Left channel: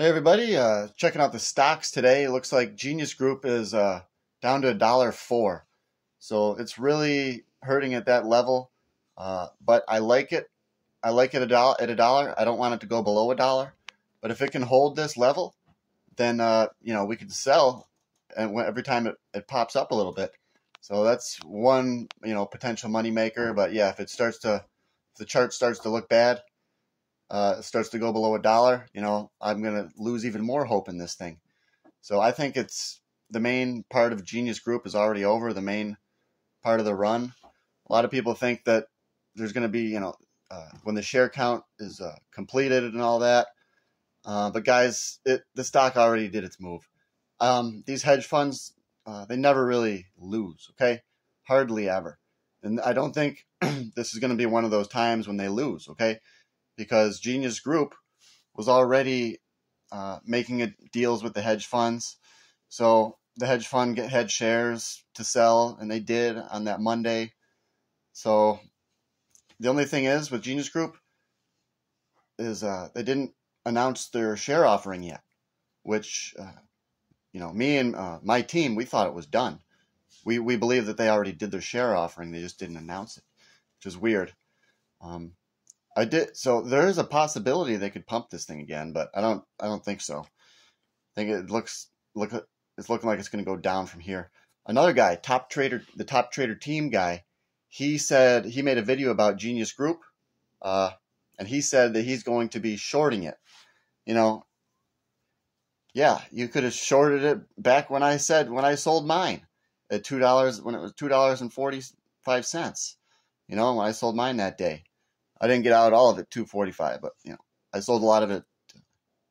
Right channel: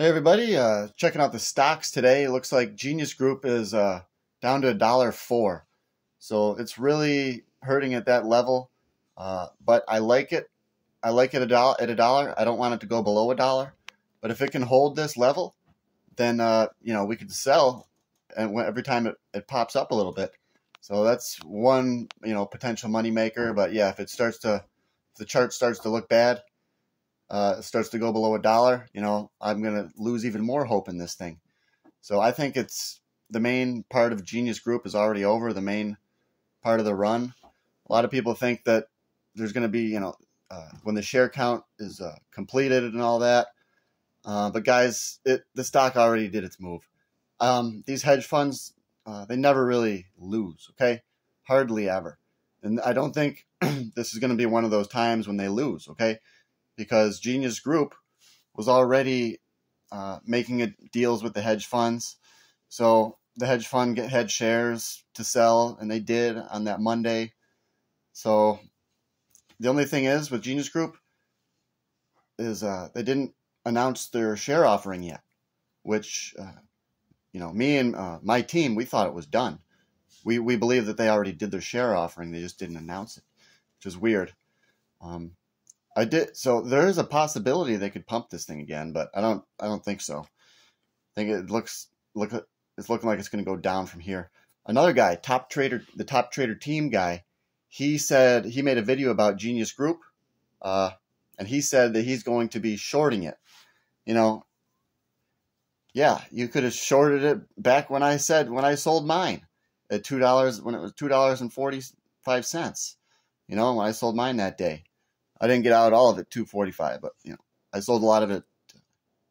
Hey everybody, checking out the stocks today. It looks like Genius Group is down to $1.04. So it's really hurting at that level, but I like it. I like it at a dollar. I don't want it to go below $1. But if it can hold this level, then we could sell and every time it pops up a little bit. So that's one potential money maker. But yeah, if the chart starts to look bad, it starts to go below $1, I'm going to lose even more hope in this thing. So I think it's the main part of Genius Group is already over, the main part of the run. A lot of people think that there's going to be, when the share count is completed and all that. But guys, the stock already did its move. These hedge funds, they never really lose, okay? Hardly ever. And I don't think this is going to be one of those times when they lose, okay? Because Genius Group was already making deals with the hedge funds. So the hedge fund had shares to sell, and they did on that Monday. So the only thing is with Genius Group is they didn't announce their share offering yet, which, me and my team, we thought it was done. We believe that they already did their share offering. They just didn't announce it, which is weird. I did, so there is a possibility they could pump this thing again, but I don't think so. I think it's looking like it's going to go down from here. Another guy, the top trader team guy, he said he made a video about Genius Group, and he said that he's going to be shorting it. Yeah, you could have shorted it back when I sold mine at $2 when it was $2.45. When I sold mine that day. I didn't get out all of it $2.45, but I sold a lot of it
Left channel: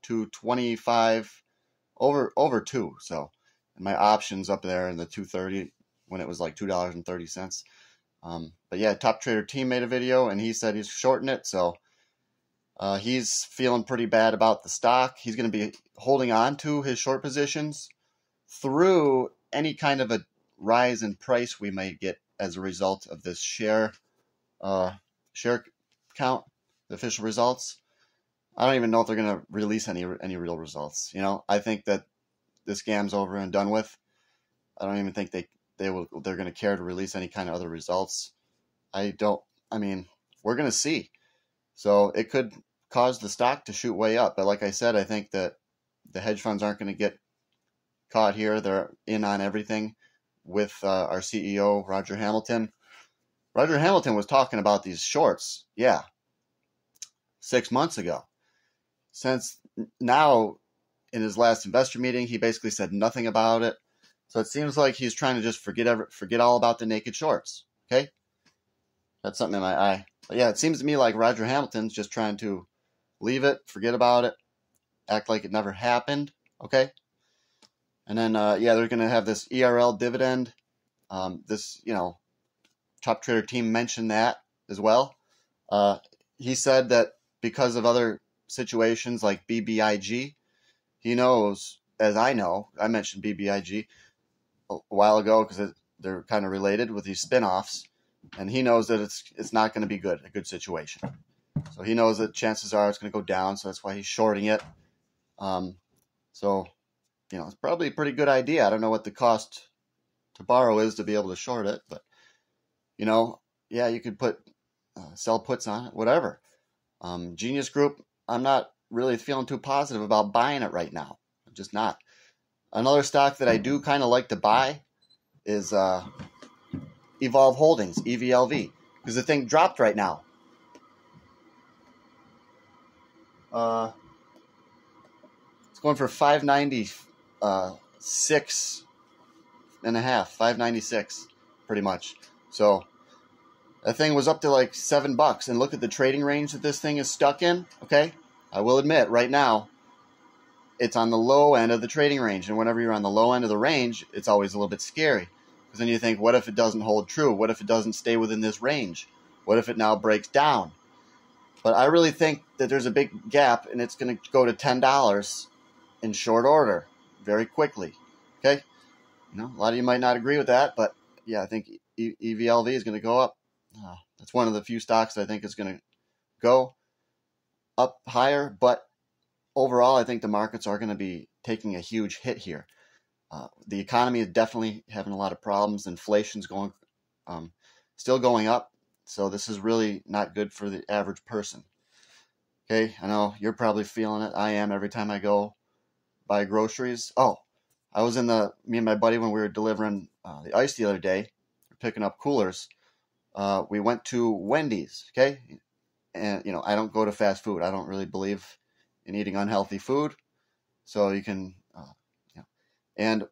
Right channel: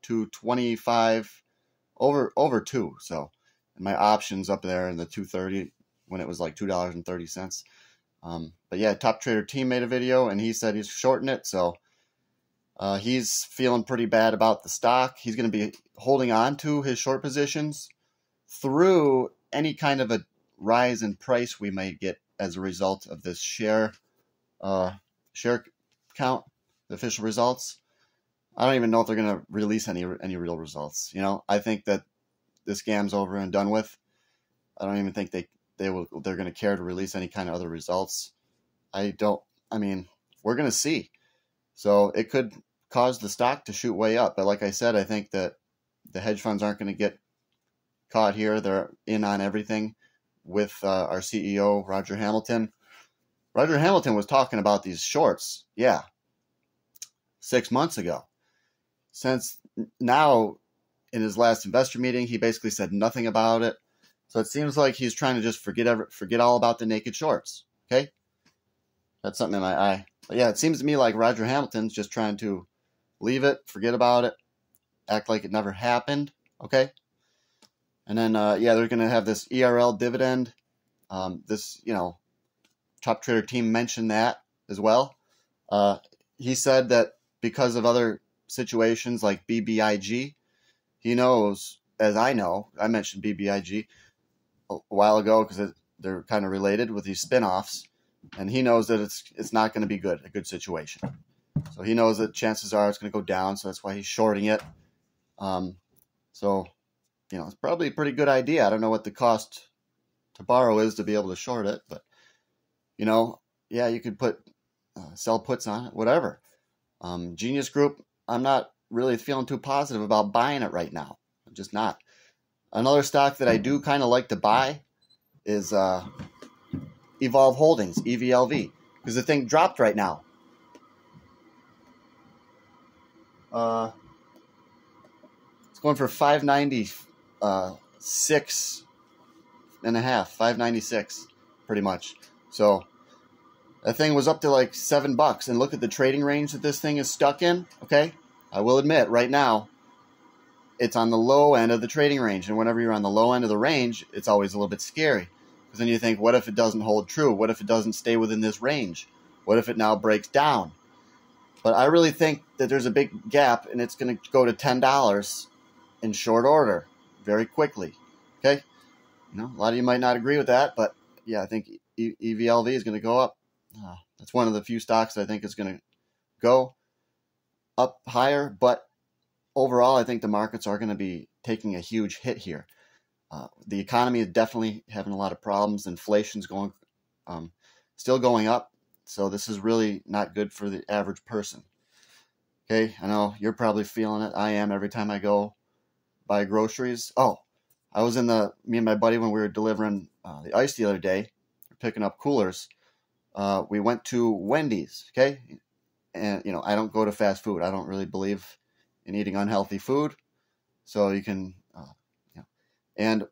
$2.25 over $2. So and my options up there in the $2.30 when it was like $2.30. But yeah, top trader team made a video and he said he's shorting it. So he's feeling pretty bad about the stock. He's going to be holding on to his short positions through any kind of a rise in price we may get as a result of this share count, the official results. I don't even know if they're going to release any real results. I think that this scam's over and done with. I don't even think they're going to care to release any kind of other results. We're going to see. So it could cause the stock to shoot way up. But like I said, I think that the hedge funds aren't going to get caught here. They're in on everything with our CEO, Roger Hamilton. Roger Hamilton was talking about these shorts, 6 months ago. Since now, in his last investor meeting, he basically said nothing about it. So it seems like he's trying to just forget all about the naked shorts, okay? That's something in my eye. But yeah, it seems to me like Roger Hamilton's just trying to leave it, forget about it, act like it never happened, okay? And then, they're going to have this ERL dividend. Top trader team mentioned that as well. He said that because of other situations like BBIG, he knows, as I know, I mentioned BBIG a while ago because they're kind of related with these spinoffs, and he knows that it's not going to be a good situation. So he knows that chances are it's going to go down, so that's why he's shorting it. It's probably a pretty good idea. I don't know what the cost to borrow is to be able to short it, but you could put sell puts on it, whatever. Genius Group, I'm not really feeling too positive about buying it right now. I'm just not. Another stock that I do kind of like to buy is EVLV Holdings, EVLV, because the thing dropped right now. It's going for 596 and a half, 596, pretty much. So that thing was up to like $7, and look at the trading range that this thing is stuck in. Okay, I will admit right now it's on the low end of the trading range, and whenever you're on the low end of the range, it's always a little bit scary because then you think, what if it doesn't hold true? What if it doesn't stay within this range? What if it now breaks down? But I really think that there's a big gap, and it's going to go to $10 in short order very quickly. Okay, a lot of you might not agree with that, but yeah, I think EVLV is going to go up. That's one of the few stocks that I think is going to go up higher, but overall, I think the markets are going to be taking a huge hit here. The economy is definitely having a lot of problems. Inflation's going, still going up. So this is really not good for the average person. Okay, I know you're probably feeling it. I am every time I go buy groceries. Oh, I was me and my buddy, when we were delivering the ice the other day, picking up coolers, we went to Wendy's, okay? And, I don't go to fast food. I don't really believe in eating unhealthy food. So you can, and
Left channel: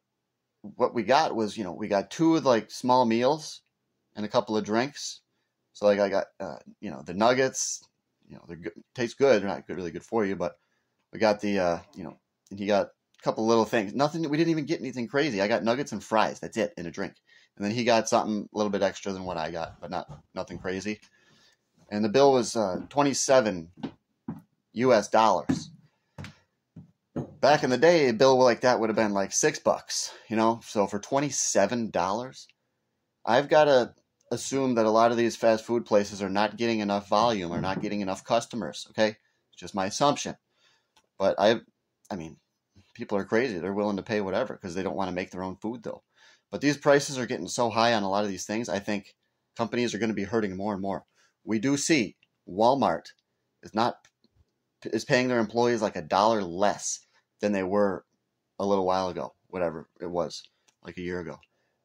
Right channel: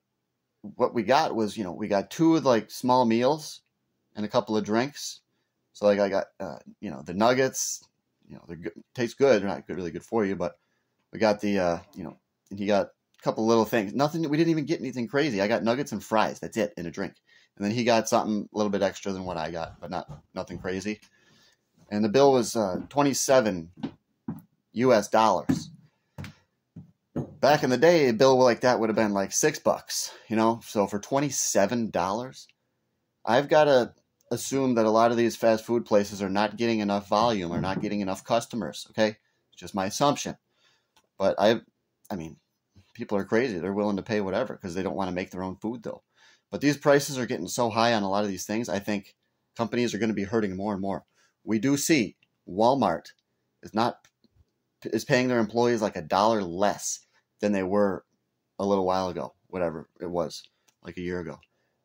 what we got was, we got 2 like small meals and a couple of drinks. So like I got, the nuggets, they're good, taste good. They're not really good for you, but we got the, and he got a couple little things. Nothing, we didn't even get anything crazy. I got nuggets and fries. That's it, and a drink. And then he got something a little bit extra than what I got, but nothing crazy. And the bill was $27 US. Back in the day, a bill like that would have been like $6, So for $27, I've got to assume that a lot of these fast food places are not getting enough volume or not getting enough customers, okay? It's just my assumption. But I mean, people are crazy. They're willing to pay whatever because they don't want to make their own food, though. But these prices are getting so high on a lot of these things, I think companies are going to be hurting more and more. We do see Walmart is paying their employees like $1 less than they were a little while ago, whatever it was, like a year ago.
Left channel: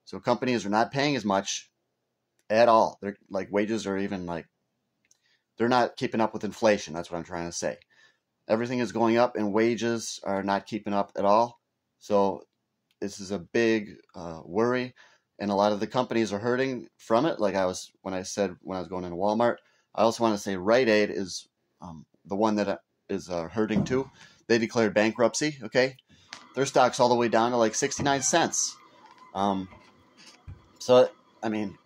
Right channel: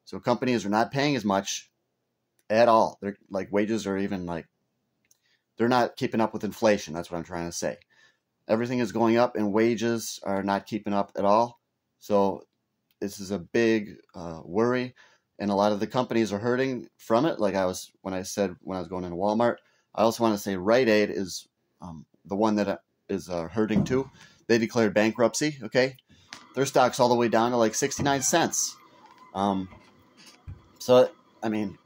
So companies are not paying as much at all. They're like, wages are even like, they're not keeping up with inflation. That's what I'm trying to say. Everything is going up and wages are not keeping up at all. So this is a big worry, and a lot of the companies are hurting from it. Like when I was going into Walmart, I also want to say Rite Aid is the one that is hurting too. They declared bankruptcy. Okay, their stock's all the way down to like 69 cents. So I mean,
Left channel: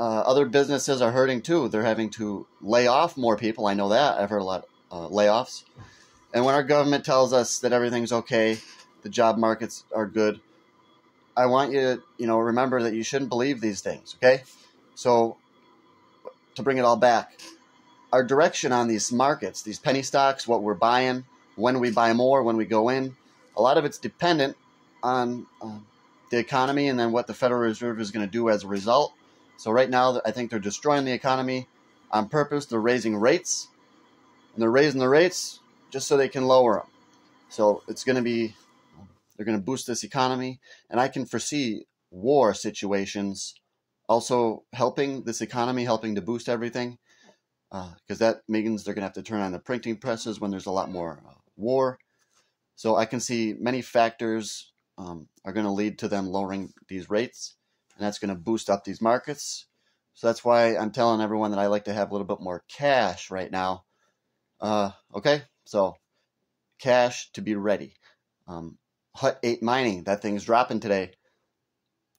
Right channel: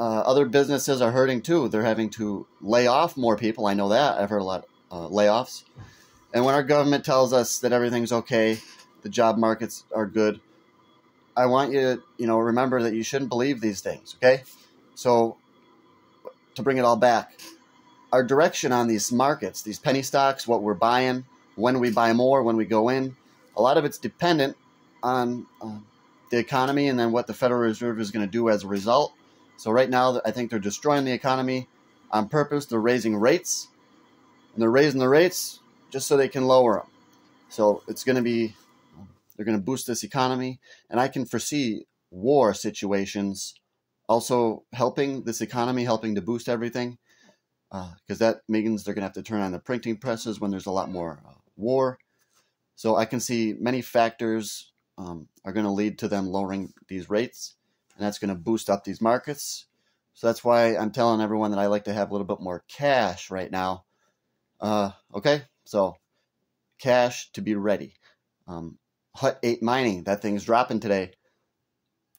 other businesses are hurting too. They're having to lay off more people. I know that. I've heard a lot of layoffs. And when our government tells us that everything's okay, the job markets are good, I want you to, remember that you shouldn't believe these things, okay? So, to bring it all back, our direction on these markets, these penny stocks, what we're buying, when we buy more, when we go in, a lot of it's dependent on the economy and then what the Federal Reserve is going to do as a result. So right now, I think they're destroying the economy on purpose. They're raising rates, and they're raising the rates just so they can lower them. So it's going to be, they're going to boost this economy, and I can foresee war situations also helping this economy, helping to boost everything, because that means they're going to have to turn on the printing presses when there's a lot more war. So I can see many factors are going to lead to them lowering these rates, and that's going to boost up these markets. So that's why I'm telling everyone that I like to have a little bit more cash right now. Okay, so cash to be ready. Hut 8 Mining, that thing's dropping today.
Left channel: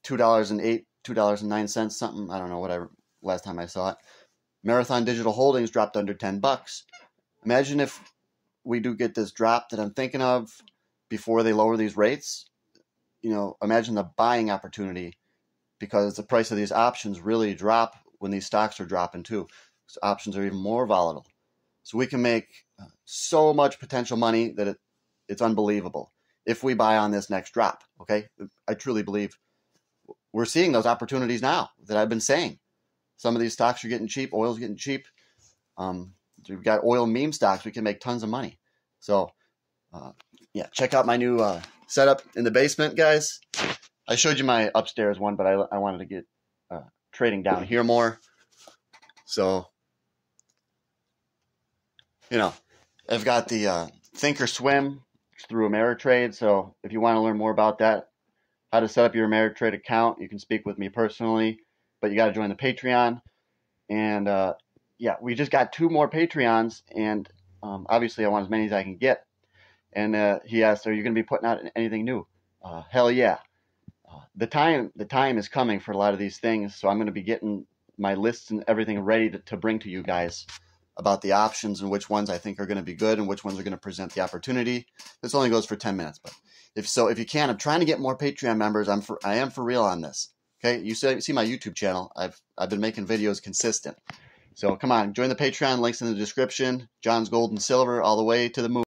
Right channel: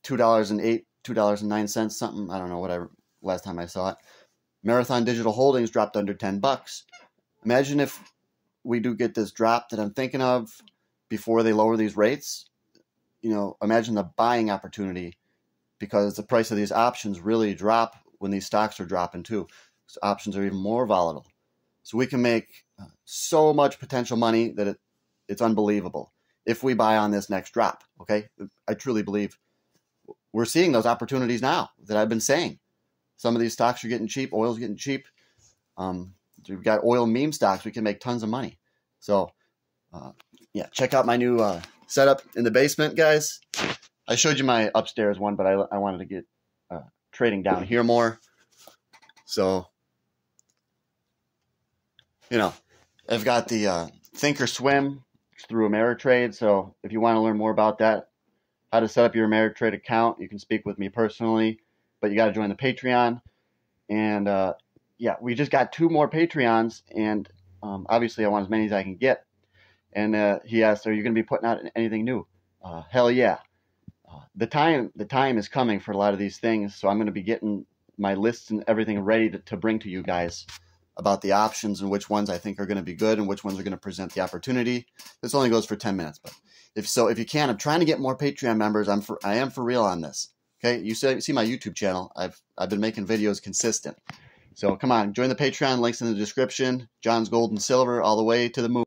$2.08, $2.09, something. I don't know, whatever. Last time I saw it. Marathon Digital Holdings dropped under $10. Imagine if we do get this drop that I'm thinking of before they lower these rates. Imagine the buying opportunity, because the price of these options really drop when these stocks are dropping too. So options are even more volatile. So we can make so much potential money that it's unbelievable if we buy on this next drop, okay? I truly believe we're seeing those opportunities now that I've been saying. Some of these stocks are getting cheap. Oil's getting cheap. We've got oil meme stocks. We can make tons of money. So, yeah, check out my new setup in the basement, guys. I showed you my upstairs one, but I wanted to get trading down here more. So, I've got the Thinkorswim through Ameritrade. So if you want to learn more about that, how to set up your Ameritrade account, you can speak with me personally, but you got to join the Patreon. And yeah, we just got 2 more Patreons, and obviously I want as many as I can get. And he asked, are you going to be putting out anything new? Hell yeah. The time is coming for a lot of these things, so I'm going to be getting my lists and everything ready to bring to you guys about the options and which ones I think are going to be good and which ones are going to present the opportunity. This only goes for 10 minutes, but if you can, I'm trying to get more Patreon members. I am for real on this. Okay, you see my YouTube channel. I've been making videos consistent. So come on, join the Patreon. Links in the description. John's Gold and Silver all the way to the moon.